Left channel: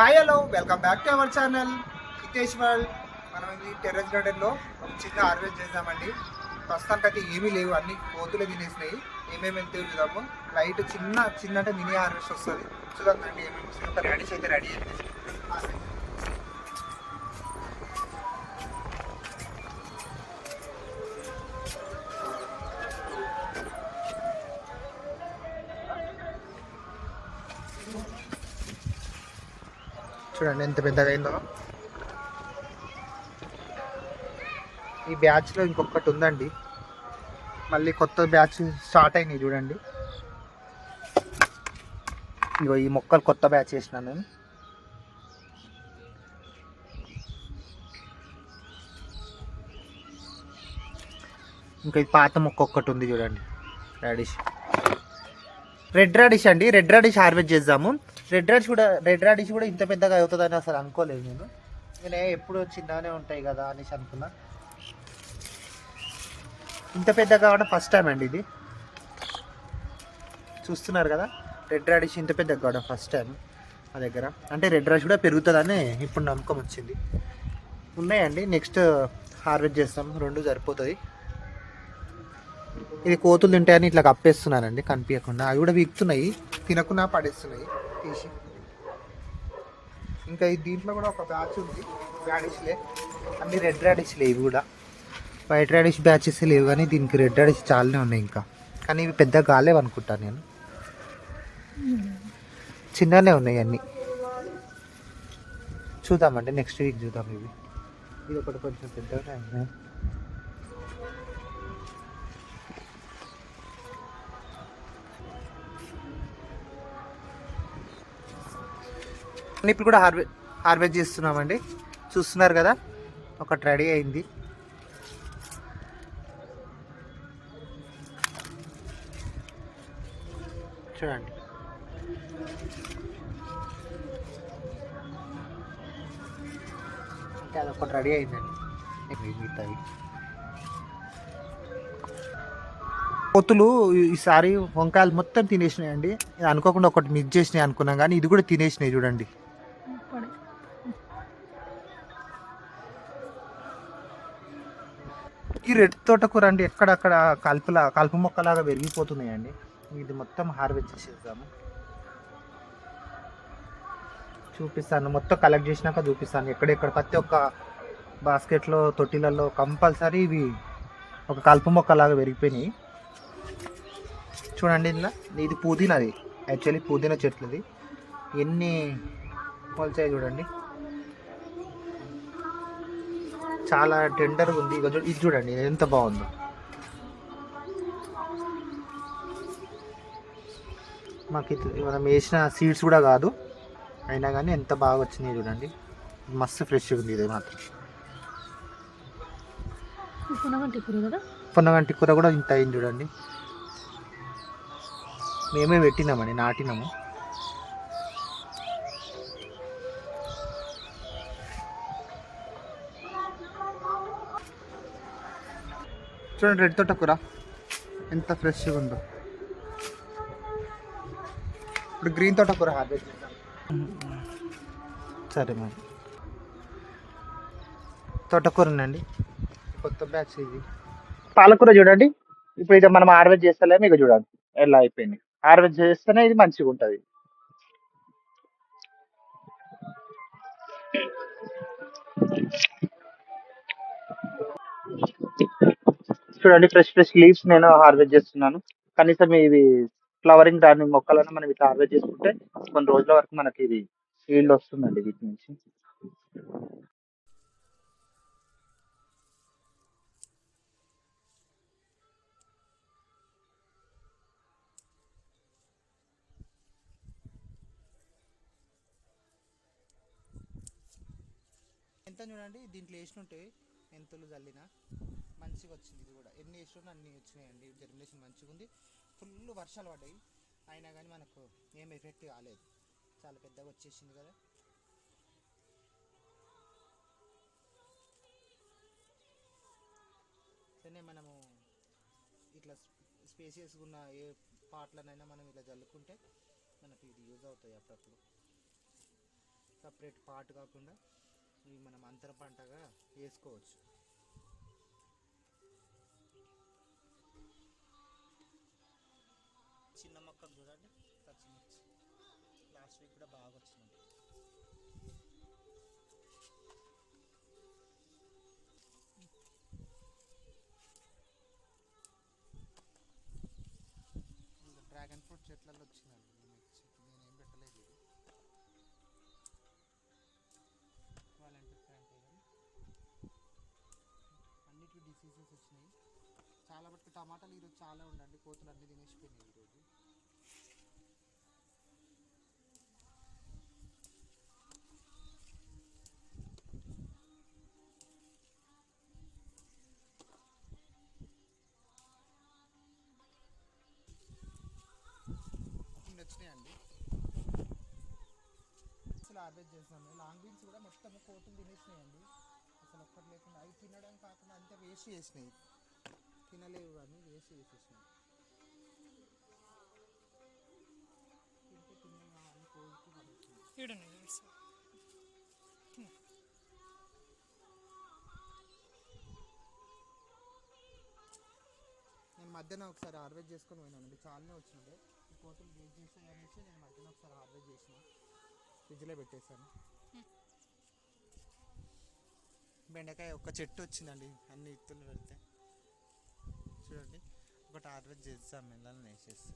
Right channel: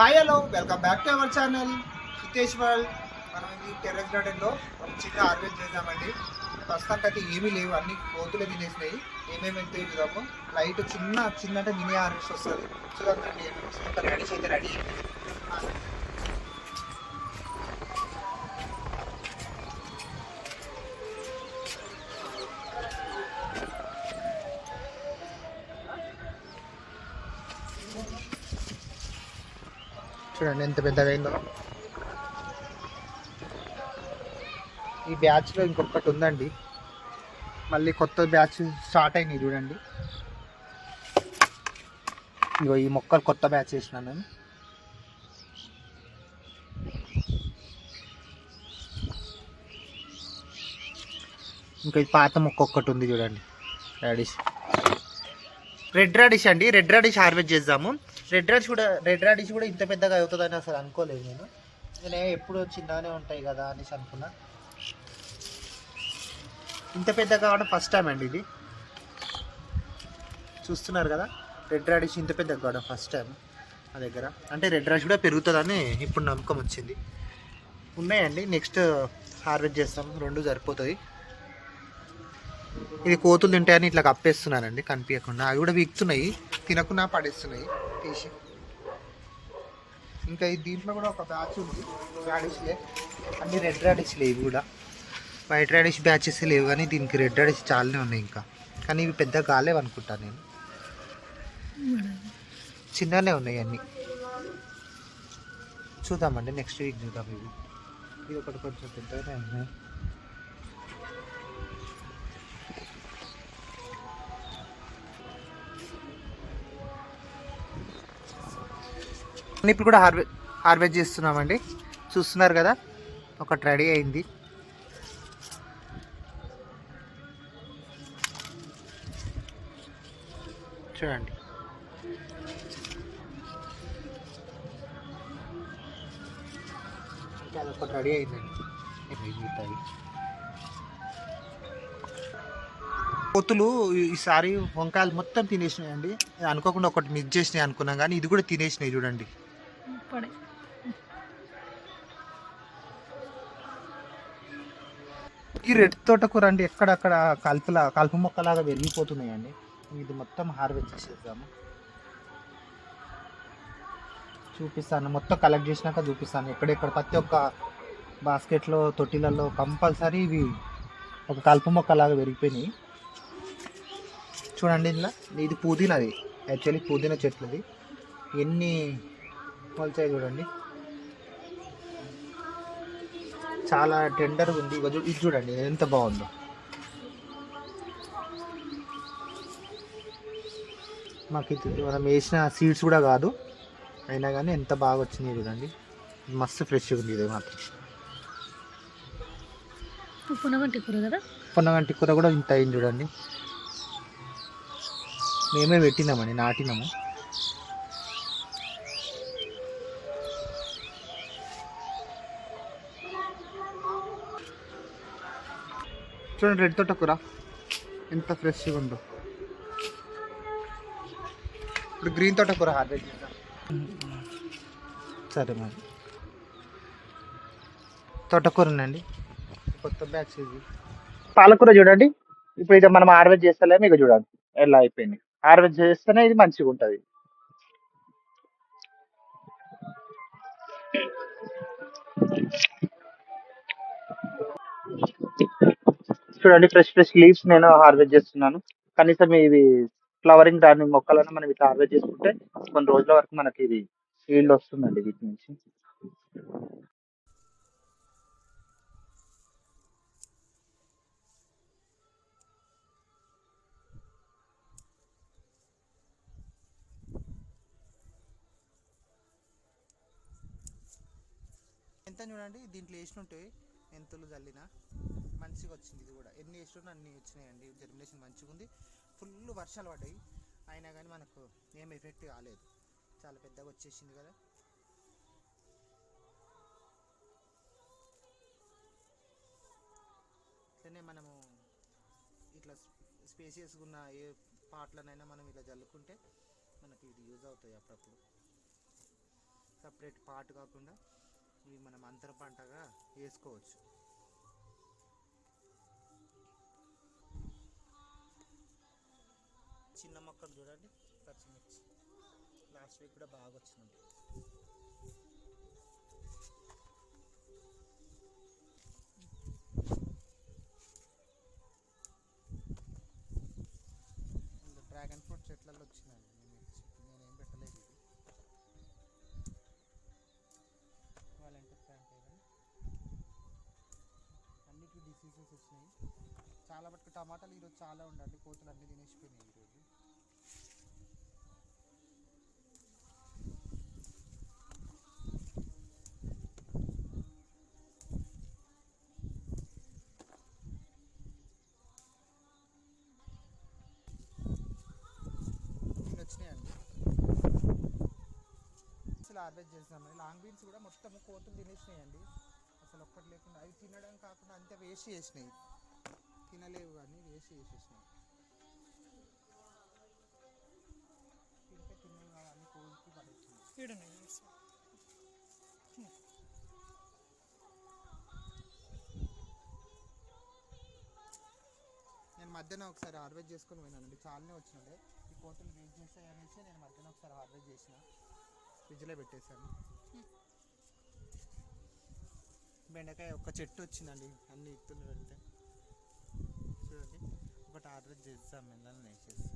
Hi hello welcome back to our channel Hitesh world మనం ఇది terrace గార్డెన్లో ఒక చిన్న హార్వెస్ట్ చేద్దామండి ప్రస్తుతానికి అయితే ఏమీ లేవు అన్ని కోతులు తినేసినాయి. ఏమేమి వెళ్తే చూద్దాము. లైట్ చిన్న చిన్న అంటే మినీ హార్వెస్ట్ వస్తుంది. చూద్దాం ఏమేమి రెడీస్ అయితే రెడీ చూడండి ఎంత పెద్దగా అయిందో ఈ బ్యాచ్లో ఇంకొకటి ఉందండి. మళ్ళీ కొత్త బ్యాచ్ స్టార్ట్ అయినాయి చూడండి. ఇగో ఈ మొక్కలు కొత్త బ్యాచ్ వేసినాను నేను ఇంకా ఈ పాత మొక్క ఒక్కటి ఉంది చూడండి. రాడిష్ రెడ్ రాడిష్ అండి. రెడ్ రాడిష్ హార్వెస్ట్ చేద్దాము. రెడ్ రాడిష్ కూడా రెడ్ రాడిష్ కూడా ఇంత పెద్దగా అవుతుందని అసలు అనుకోలేదు నేను. నేను ఎప్పుడు చిన్నగానే ఉంటాయి కదా అనేసి అనుకున్నా. ఇంత పెద్ద కావడం ఫస్ట్ టైం అండి ఇది. చూస్తున్నారు కదా రెడ్ రాడిష్ ఇంత పెద్ద కావడం ఫస్ట్ టైం మా దగ్గర. అంటే రెడ్ రాడిష్ కూడా పెరుగుతుందని ఇప్పుడు నమ్మకం వచ్చింది. ఉన్నాయండి నెక్స్ట్ హార్వెస్ట్ చేస్తాం రెండు సరిపోతుంది ఇది కోతులు తింటాయని ఇట్లా కప్పేస్తున్నానండి కనిపించకుండా. అవి కూడా వీక్తున్నాయి తినకుండా పడేస్తున్నాయి. తీసి ఇంకా ఈ దీంట్లో కూడా ఒక బ్యాచ్ ఉంది. రాడిష్లే అన్ని రెడ్ రాడిష్లే లేవు కూడా. వైట్ రాడిష్ బ్యాచెస్ లేవు కానీ దీనికి రెడ్ రాడిష్ చాలానే ఉన్నాయి ఇంకా. కానీ ఇవి పెద్ద కాలేవు అనుకుంటాను నేను. చిన్ననే ఉన్నాయి అన్నీ. చూద్దామండి నెక్స్ట్ వీక్ చూద్దాం ఇవి. ఇది ఒకటి కొంచెం పెద్దగానే ఇప్పుడు కూడా హార్వె హార్వెస్ట్ చేస్తున్నామండి. చూస్తున్నారు కదా? ఒకటి రెడీ అయింది. చూడండి. ఒకటి అదొకటి రెడీ అయిందండి. మిగతాయి కోతులు ఈసారి వంకాయలు మొత్తం తినేసినాయండి. అనుకోకుండా ఒకటి మిక్స్ చేసినాయి అనుకున్నాం కానీ ఇది కూడా తినేసినాయి చూడండి. ఈ రెడ్ తోటకూర అండి ఎక్కడక్కడ కలుపులా కలుపు మొక్కలాగా పెరిగిపోతున్నాయండి. ఇది మొత్తం హార్వెస్ట్ చేసేద్దాము. చూపిస్తాను. మొత్తం కలెక్ట్ చేసినాక చూపిస్తాను. ఎక్కడెక్కడ ప్రతి ఒక్క బాస్కెట్లో తొట్టిలలో కంపల్సరీ ఇవి ఒక కలుపు మొక్కలాగా పెరిగిపోయినాయి. చూడండి ఇందులో. ఇది పుదీనాది. యాక్చువల్లీ పుదీనా చెట్లది. ఎన్ని మొలిచాయి చూడండి. చాలా టెండర్గా ఉంది. చూ- ఇది చూడండి ఎంత బాగుందో. మాకు ఇది మనం వేసిన సీడ్స్ కూడా కాదు. అయినా కానీ ఎంత బాగా వచ్చినాయి చూడండి. మస్తు ఫ్రెష్గా ఉంది ఇది మాత్రం. పునగంటి కూర కదా? పొన్నగంటి కూర కూడా ఇంత అయింది చూడండి. మేమే పెట్టినామని నాటినాము. చూడండి రెడ్ తోట కూర. ఎంత ఫ్రెష్గా ఉందో. ఇప్పుడు గ్రీన్ తోట కూర హార్వెస్ట్ చేద్దాం. సరే మరి. తోటకూరనండి కొత్త బ్యాచ్ ఇది. పాలకూర చూడండి. ఇప్పుడు ఇది మనం హార్వెస్ట్ చేస్తలేము ఇక చూడండి. ఎలా అయిపోయింది? హార్వెస్ట్ చేస్తేనే ఇది మంచిగా ఉంటుంది. చూడండి ఫ్రెష్ ఫ్రెష్ లీవ్స్ నేను హార్వెస్ట్ చేస్తున్నాను. కనీసం ఇవి ఫ్లవరింగ్ దాని మొక్కలను మనం ఇట్లా హార్వెస్ట్ చేసుకుంటే కొన్ని రోజుల వరకు మనకి ఇది ఫీల్డ్ వస్తుందండి వీటి నుంచి. ఎంత చూడండి దీంట్లో వేసినట్టే మెంతులు చల్లిన మంచిగా వచ్చింది ఇది కూడా. ఎన్ని వేసినా అన్ని వచ్చినాయండి. జర్మినేషన్ మంచిగా ఉంది ఫుల్ వర్షాలు పడ్డాయి. అయినా కానీ మనకు ఏం ఎఫెక్ట్ కాలేదు. చాలా పెద్దగా వచ్చేసింది కదా. సరే మనము ఇట్లా స్పేసియస్ ఉన్న ఏ పాటలనైనా మనం ఇలా జల్లుకుంటే మనకి ఇది యూజ్ అవుతాయి అప్పుడప్పుడు. సపరేట్ పాటు కాకుండా ఇవి మనం అంతర పంటగా వేసుకోవచ్చు. చిన్న మొక్కలు చూడండి. పచ్చిమిర్చి. లాస్ట్ వీక్ కూడా బాగా వచ్చింది డ్రాగన్ ఫ్రూట్ చెట్లలో వచ్చినాయి. నేను నేను ఏం పెట్టలేదు ఇది. వాళ్ళంటే ప్యాంట్ అన్నిటికీ డిసీజెస్ వచ్చినాయి. చాలా మటుకు టమాటాలు ఈరోజు చాలా ఉండండి. కోతులు అన్నీ తినేసిపోయినాయి ఈరోజు ఇన్ని వచ్చినాయండి అసలు హార్వెస్ట్ చేసాము లాంగ్ బీన్స్ కూడా మొత్తం కోతులు తినేసినాయండి. అసలు ఒక్కటి లేకుండా అవి తినడం కాకుండా అంతే వేస్ట్ చేసినాయి. తినలేవు కానీ వేస్ట్ చేసేసినాయి. తింటే తినేవి పడేసినాయి. సైడ్. నేను మధ్యాహ్నం ఒకసారి హార్వెస్ట్ చేసుకొని పోయినానండి. చాలానే వచ్చినుండే. ఈ కోతులు వేస్ట్ చేస్తాయి అనేసి నేను మధ్యాహ్నం ఒకసారి హార్వెస్ట్ చేసిన. ఫ్రిడ్జ్లో పెట్టేశాను. బెండకాయ ఒక చెట్టు వచ్చిందండి అన్ని ఇత్తులు పెడితే. చూడండి ఒకటి ఆర్డర్ చేస్తాం మెల్లని వేసేసి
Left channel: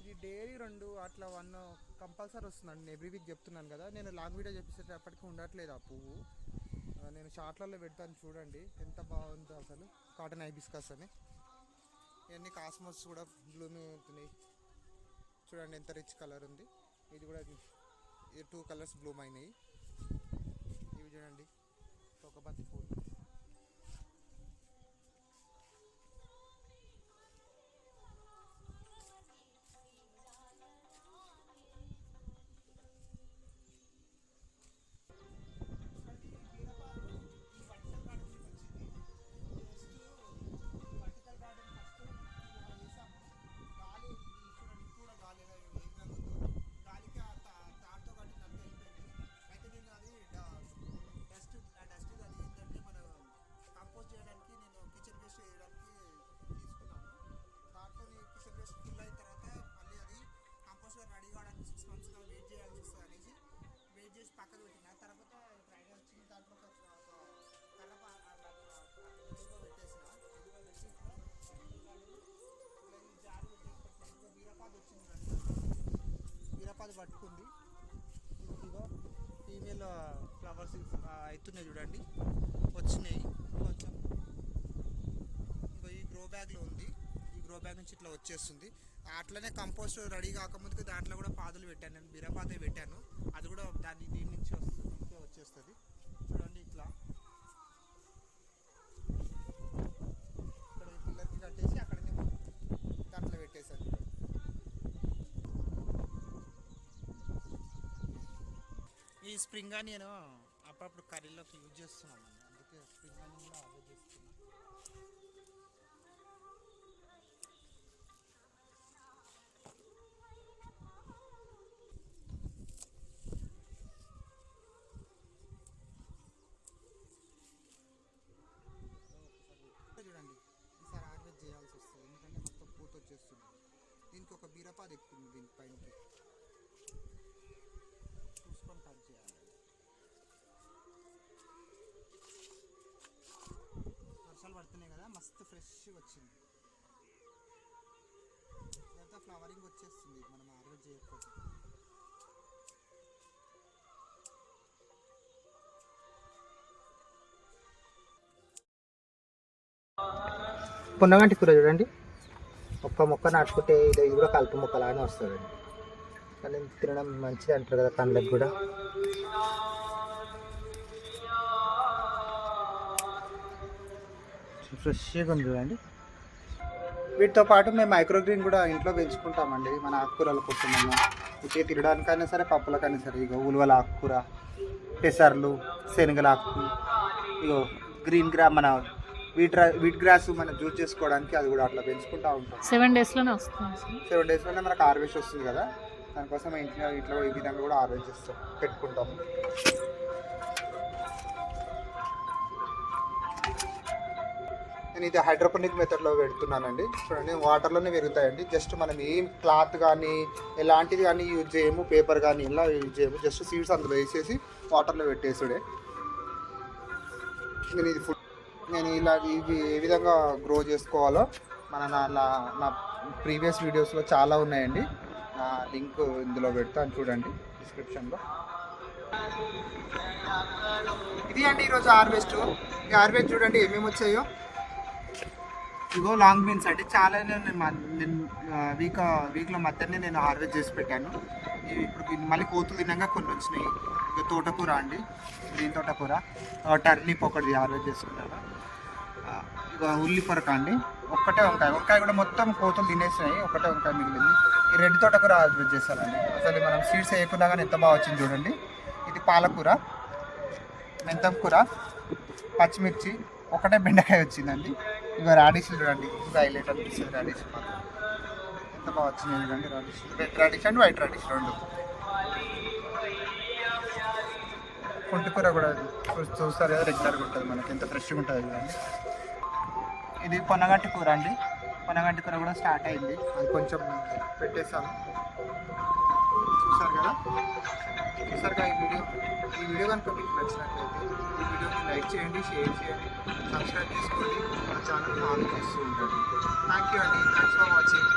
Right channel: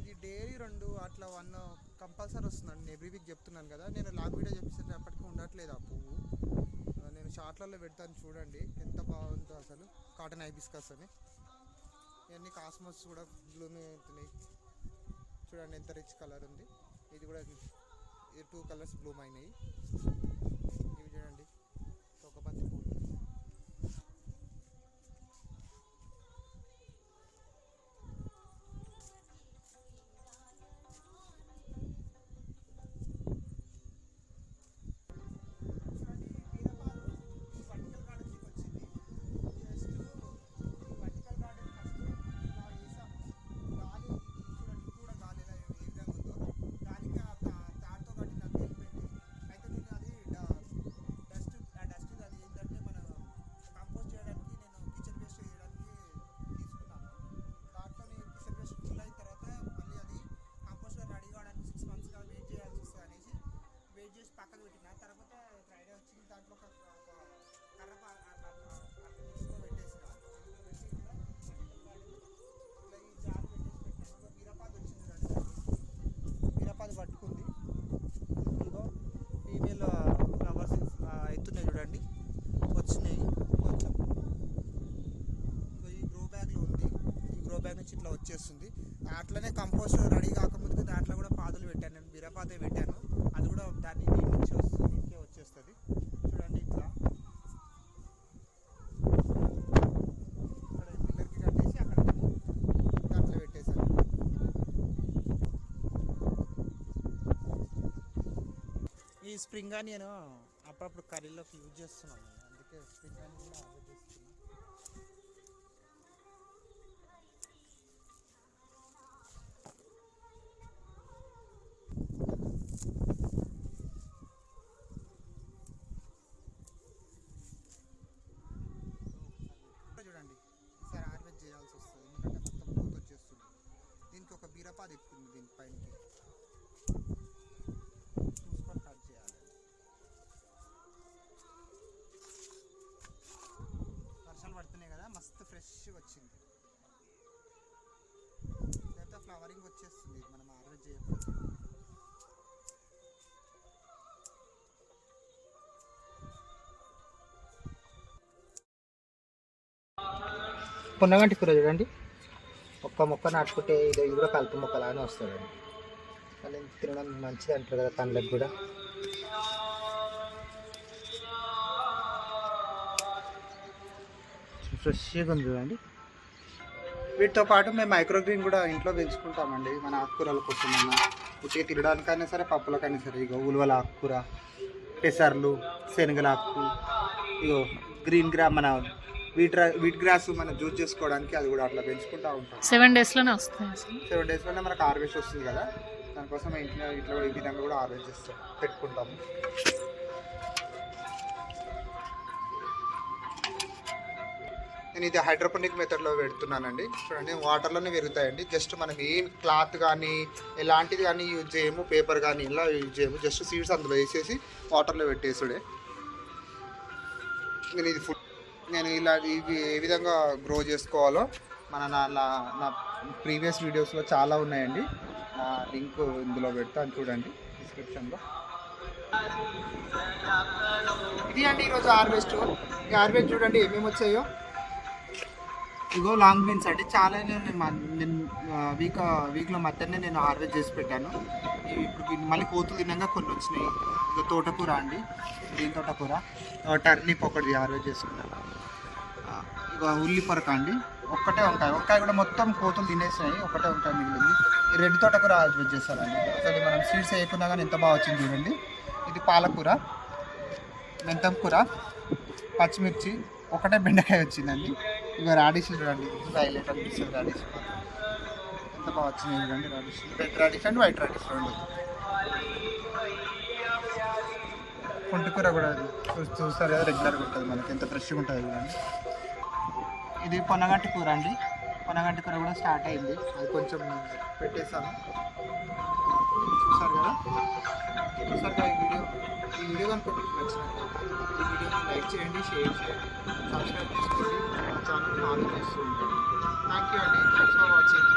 ఇది డైలీ రెండు అట్లా వన్ కంపల్సరీ వస్తుందండి. ఎవ్రీ వీక్ చెప్తున్నాను కదా నేను లాంగ్ వీడియో చెప్పేసేటప్పటికి ఉండట్లేదు ఆ పువ్వు. నేను షార్ట్లలో పెడతాను చూడండి ఎంత బాగుందో అసలు. కాటన్ ఐబిస్కస్ అని. ఇవన్నీ కాస్మోస్ కూడా బ్లూమింగ్ అవుతున్నాయి చూడండి ఎంత రిచ్ కలర్ ఉంది. ఇది కూడా ఇది టూ కలర్స్ బ్లూమ్ అయినాయి. ఇది చూడండి. ఒక బంతి పూలు. ఫస్ట్ రెడీ కాకముందుకు దాంట్లో కూడా పాదులు పెట్టాను. నేను బీరపాదే పెట్టాను. అది కూడా దాన్ని నీళ్ళు వచ్చేస్తుంది వచ్చేస్తుంది. చూడండి ఇట్లా. పిల్లర్కి కట్టేసి అక్కడ దాంట్లో పెట్టేసాను ఈ స్ప్రింగ్ నేను అప్పుడప్పుడు కర్రీలోకి యూజ్ చేస్తున్నాను. అందుకే స్ప్రింగ్ అని కూడా ఆర్డర్ చేస్తున్నాను చూడండి ఈసారి హార్వెస్ట్ చేయాల్సి వస్తుంది ఎందుకంటే మొత్తం పూత వచ్చేస్తుంది దీనికి ఒక బీరపాది ఎక్కుతుంది దీని పైనకి చూసుకొని కట్ చేయాలి వర్షాలు పడుతున్నాయి కదా మస్తు వచ్చింది. లేకపోతే ఫ్లవరింగ్ వచ్చేస్తుంది. మనం హార్వెస్ట్ చేయకపోతే పున్నగంటి కూర చూడండి. ఒక్క మొక్క నాటుకుంటే ఇది కూడా కలుపు మొక్కలానే వస్తుందండి. కానీ తినడం మంచిది అంటారు కదా కళ్ళకి కూడా. ఫ్రెష్గా ఉంది చూడండి. వీటితో పాటు మేము మైక్రోగ్రీన్ కూడా ఇంట్లో పెంచుకుంటామండి మన ఆకుకూరల కోసం ఉట్టిగా తినడానికైనా సరే పప్పులకైనా సరే ఇగో ఉలువల ఆకుకూర పెసర్లు శనగల ఆకు ఇగో గ్రీన్ గ్రా మన వీట్ వీట్ గ్రాస్ మనం జ్యూస్ చేసుకోవడానికి అది కూడా అట్లా పెంచుకుంటూ ఉంటాం. సెవెన్ డేస్లోనే అసలు. సెవెన్ డేస్లోనే మనకు హార్వెస్ట్ వస్తుంది కదా దానికోసం ఇంట్లో ఇట్లా ఈ విధంగా కూడా హార్వెస్ట్ చేస్తాం పెట్టుకుంటాము నేను ఇది హైడ్రోపోనిక్ మెథడ్లో పెడుతున్నానండి. చూడండి వాటర్లోనే పెరుగుతాయండి. జస్ట్ మనం ఏం క్లాత్ కానీ ఎలాంటిది కానీ యూజ్ చేయము పేపర్ కానీ ఇలా యూజ్ చేయము. జస్ట్ సీడ్స్ అందులో వేసేసి వాటర్లో పెట్టేసుడే. నేను ఇది ఫుడ్ నేను ఇలా ఇవి ఏ విధంగా గ్రో చేసుకోవాలో మన నా నా- నా ప్రీవియస్ వీడియోస్లో చాలా ఉన్నాయండి. నా లింక్ ఇందులో పెడతాను చూడండి డిస్క్రిప్షన్లో ఇది అండి ఈరోజు హార్వెస్ట్ ఈ హార్వెస్ట్ చూడండి ఏమేమి వచ్చాయో. ఇగో లాంగ్ బీన్స్ అంటే చాలా నేను నేను వీక్ వీక్లో మధ్యనే నేను హార్వెస్ట్ చేసి పెట్టాను. ఇప్పుడు మళ్ళీ కోతులు తినగా కొన్ని వచ్చినాయి. ఇక తోటకూర అండి. గ్రీన్ తోటకూర. టర్నిప్ ఒకటి హార్వెస్ట్ చేసుకున్నాను. ఇక ఉల్లి పొరక అండి. ఒక్కటే వంకాయ. వంకాయ కూడా మొత్తం కోతులు తినేసినాయి. ఒకటే వంకాయ మిగిలింది. ఈ రెడ్ తోటకూర హార్వెస్ట్ చేస్తానండి అసలు మనం సీడ్స్ వేయకుండా కానీ ఎంత బాగా వచ్చింది చూడండి. ఇది పాలకూర మెంతం కూర పచ్చిమిర్చి ఒకటే బెండకాయ వచ్చిందండి. ఇక రాడిష్ చూడండి. ఇంకా హైలైట్ అనిపిస్తుంది రాడిష్ మాత్రం. ఎంత బాగా వచ్చింది చూడండి radish red radish and white radish రెండు. పుంటికూర కూడా చూస్తారు కదా రెగ్యులర్గా ఉంటుంది మనకి. ఎంత ఫ్రెష్గా ఉంటుంది చూడండి. ఇది పొనగంటి కూర అండి. పొనగంటి కూర కూడా స్టార్ట్ అయింది. అది కొంచెం పెట్టేసాము. చూసారు కదా? చూసారు ఈ వీడియో ఈ వీడియో కనుక మీకు నచ్చినట్లయితే ఈ వీడియోని లైక్ చేయండి షేర్ చేయండి సబ్స్క్రైబ్ చేసుకోండి మా ఛానల్ ఫాలో చేస్తూ ఉండండి. థ్యాంక్ యూ అండి. Thanks for watching